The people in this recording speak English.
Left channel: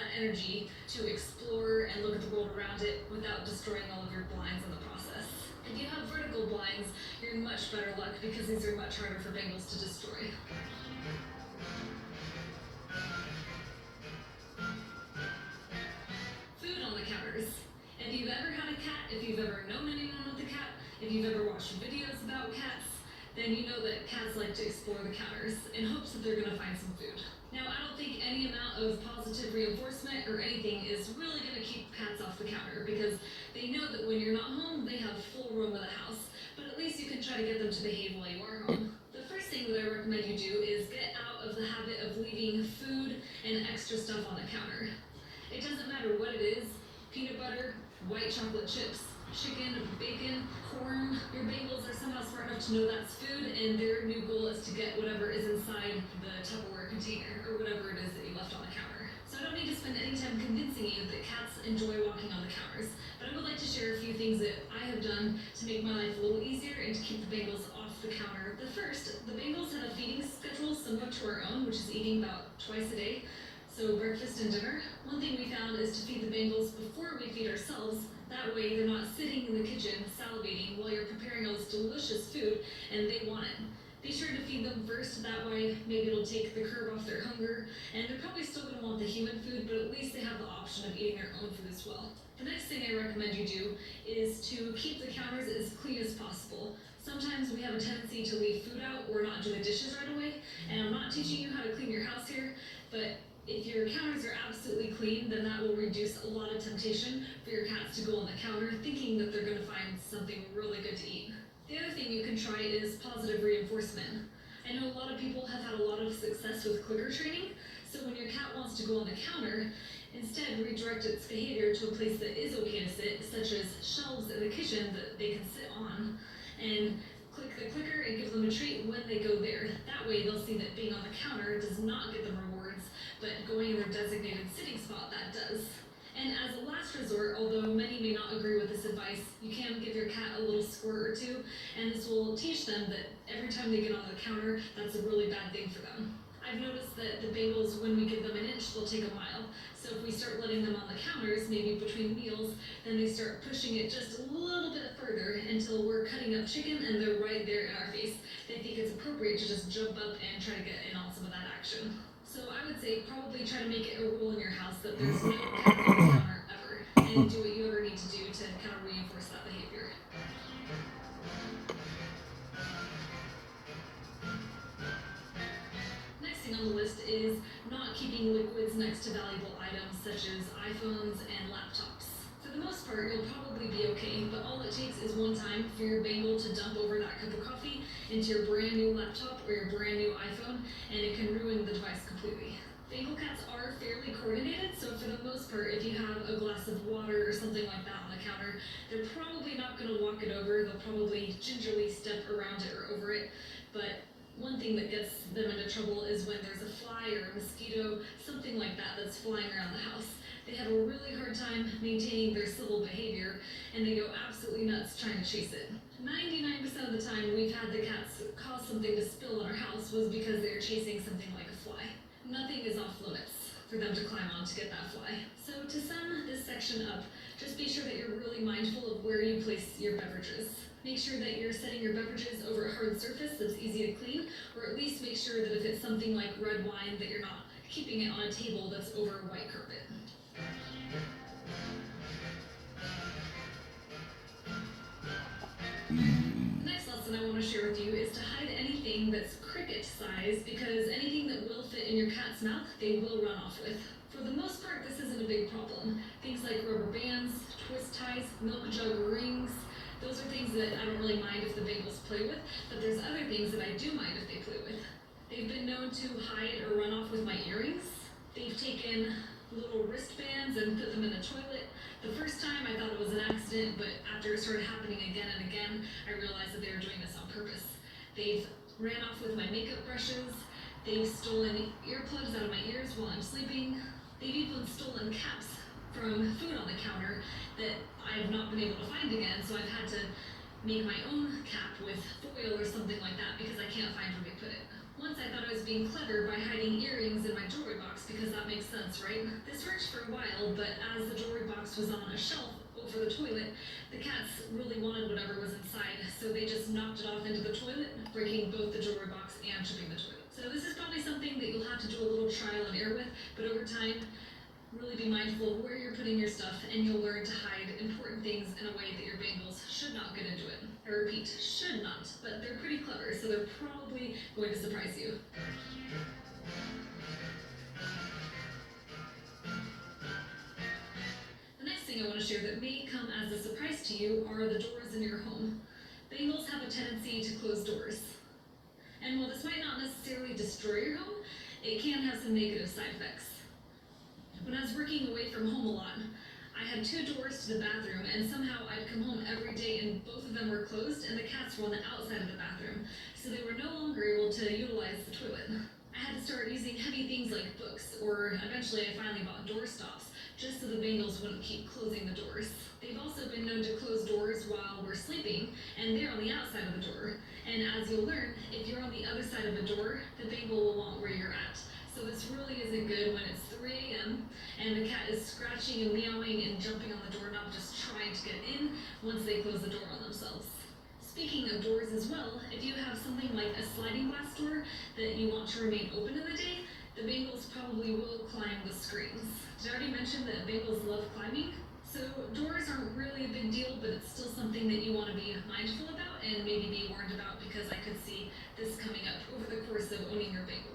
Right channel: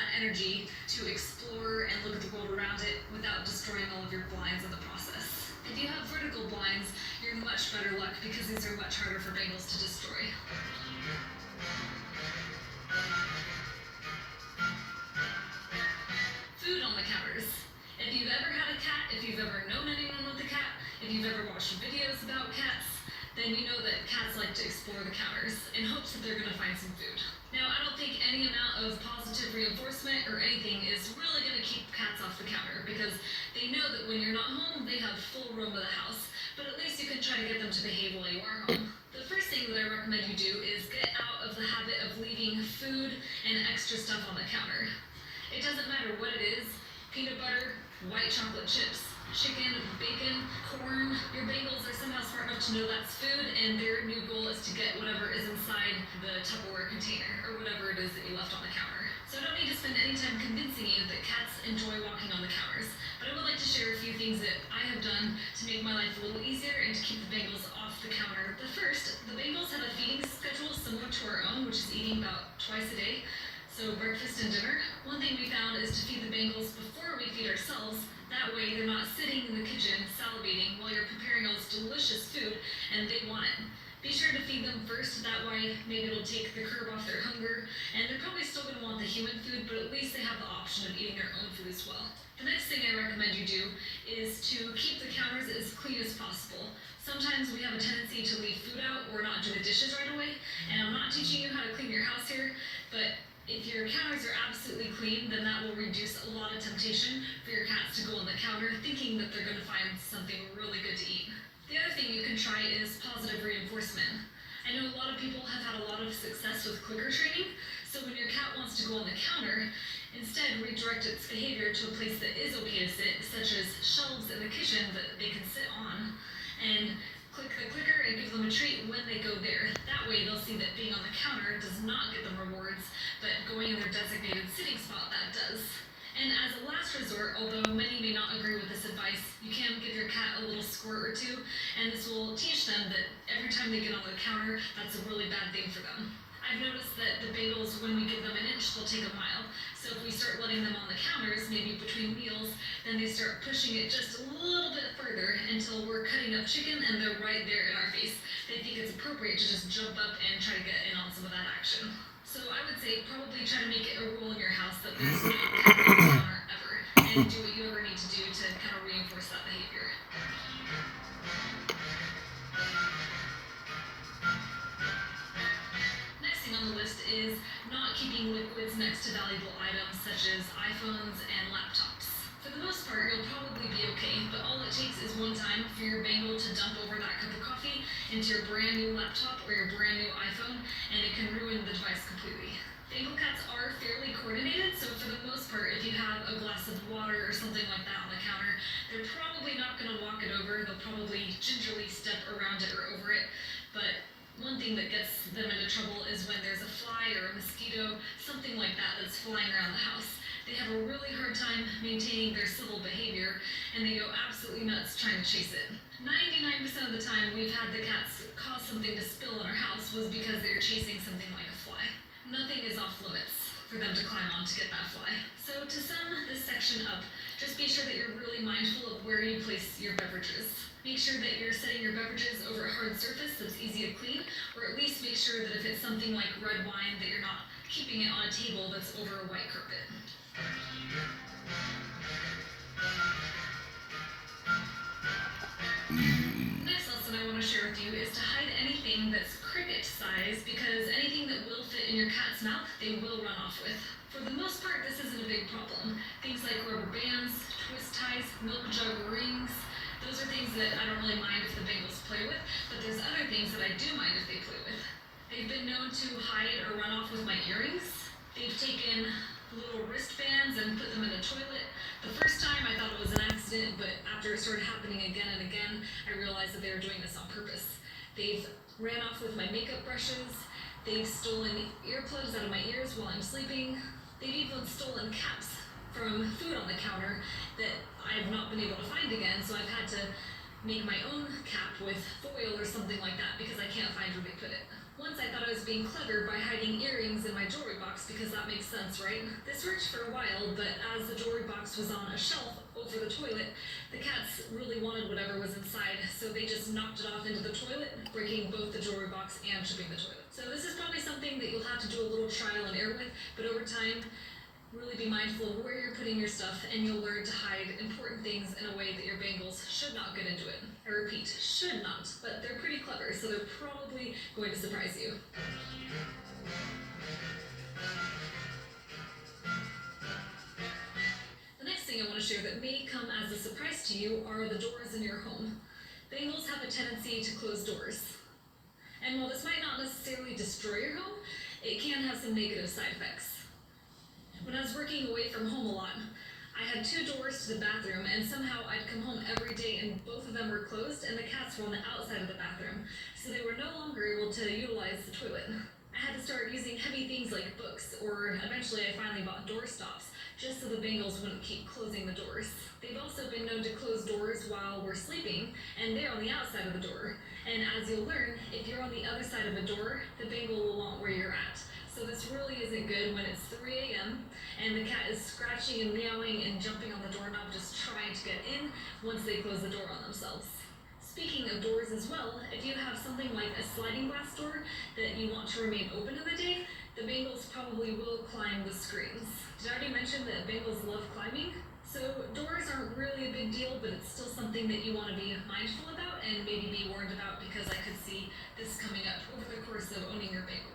that energy to explore and look at the world around it without destroying all of your blinds in the process. If you have vertical blinds, you're in much better luck because these are much harder for Bengals to destroy. Food on the counters. If you've ever had a cat, if you've ever known anyone with a cat, if you've ever watched videos about cats, then you know that cats like to explore the counters in hopes that they're going to find some food. Now, I don't think any amount of positive reinforcement or anything is really going to keep cats off the counter because they know that when you're not home, they have full roam of the house, but at least you can try to get them to behave while you are home. The first thing that I recommend you do is get out of the habit of leaving food and extra stuff on the counter. It doesn't matter what it is, peanut butter, white chocolate chips, chicken, bacon, corn. Your Bengals are somehow smart enough to know that's food, and their new goal is to get whatever is inside the Tupperware container or whatever it is that you left on the counter. So I don't need to spend any time convincing you that cats enjoy walking on the counters, but I would like to share a few things that I have done to make my life a little easier and to keep the Bengals off the counter. The first, the Bengals have a feeding schedule similar to our own, which is eating about twice a day. So breakfast and dinner. One thing we found is to feed the Bengals before we feed ourselves. That way they're not sitting in the kitchen salivating while you're preparing all this delicious food and they want it. Be sure to feed them first, that way maybe it'll take the curb off their hunger, and they're probably still going to want the human food, but at least they have the option of eating their own food as well. The next thing I recommend you do is to keep the counters as clean as possible. Sometimes we have a tendency to leave food out or not do the dishes right away, and I'm not teaching you how to clean your house here, but if your counters are absolutely clean, then that will reduce a lot of temptation for your cats to go on the counter thinking that they're going to find something really good to eat. The other thing you can try is positive reinforcement. I know a lot of people have had a lot of success with clicker training, so when your cat wants to go on the counter, instead redirect its behavior to a place that is okay to sit, such as shelves in the kitchen that they can sit on, and click the clicker and give them a treat when they go there. That way they'll see that being on the counter does not get them rewards, but going in their designated sitting spot, that does. And as a last resort, although many may not agree with this advice, you can give your cat a little squirt or two, and this will teach them that every time they get on the counter, that's a really bad thing for them. I've noticed that the Bengals, when we give them an inch, they'll take a mile. So if we start letting them on the counters, maybe between meals, then they start pushing it just a little bit further until we're cutting up chicken and they're right there in our face. They think it's appropriate to just jump up and try to get in on some of that action. So I would say probably try to make it a rule in your house that there's no cat on the counter ever, and do what you ever need to do to kind of reinforce that behavior. Next thing on the list is not keeping liquids next to valuable items such as iPhones and laptops. For the most part, you'll probably be okay, but all it takes is one time for your Bengal to dump over that cup of coffee into your brand new laptop or your brand new iPhone, and it can ruin the device completely. Bengal cats are fairly coordinated, so for the most part, if you have a glass of water or something like that on the counter, they're probably not going to walk it over. They'll probably gingerly step around it or over it, but one thing that gets them into trouble is when there's a fly or a mosquito, something like that, that's flying around the house. They have a really hard time maintaining their civil behavior, and they go absolutely nuts trying to chase it. 99% of the time we've had the cats cause something to spill in our house was because they're chasing something like a fly. Nothing is off limits for them to climb on to get that fly. So to sum this section up, just be sure that you're really mindful of where you place your beverages. Make sure that you're setting your beverages over a hard surface that's easy to clean, or at least make sure that if it's something like red wine, that you're not keeping it on a table that's over a white carpet. Next lesson I want to share with you is to hide anything that's cricket size, because anything that will fit in your cat's mouth, they will run off with. For the most part, this isn't a big problem. Things like rubber bands, twist ties, milk jug rings, those are things that I don't really mind if the Bengals play with, but there's other things that I do mind if they play with. They've been known to hide or run off with my earrings. They've taken little wristbands and put them in the toilet. The first time I thought it was an accident, but after it started happening again and again, I realized that they were doing this on purpose. They've ran off with my makeup brushes. They've stolen earplugs out of my ears while I'm sleeping. They've even stolen caps from food on the counter that I've not been able to find again, so I've had to make my own cap with foil or something like that because I can't find where they put it. Once I thought I was being clever by hiding earrings in my jewelry box because that makes sense, right? This worked for a while, but as the jewelry box was on a shelf over the toilet, the cats really wanted whatever was inside, so they just knocked it off into the toilet, breaking both the jewelry box and chipping the toilet. So this is probably something that you'll have to do a little trial and error with, but over time, really be mindful of where you're putting your stuff, and you'll learn to hide important things in a way that your bangles should not get into it. I repeat, should not, but they're pretty clever, so they're probably going to surprise you. The next thing I want to share that may come as a surprise to you are the doors in your home. Bangles have a tendency to close doors. And while this might not necessarily destroy your home, it can have some negative side effects. When I was working away from home a lot, I had 2 doors to the bathroom, and somehow I'd come home every day and both of them were closed and the cats were on the outside of the bathroom, so they were no longer able to utilize the toilet. I had to start using heavy things like books, or eventually I finally bought door stops, just so the bangles wouldn't keep closing the doors. They've also been known to close doors while we're sleeping, and they're on the outside of the door. And as you'll learn, if you're on the other side of a door, the bangle will want where you're at. So this really isn't good when it's 3 a.m. and the cat is scratching and meowing and jumping on the doorknob just trying to get in once they close the door on themselves. Speaking of doors as well, if you have something like a sliding glass door that you want to remain open in the day, the bangles probably will climb the screens. Did I already mention that bangles love climbing? So doors aren't really a big deal, but it's still something that you want to be mindful about and maybe be warned about, because I could see this coming up over the course of owning your bangle.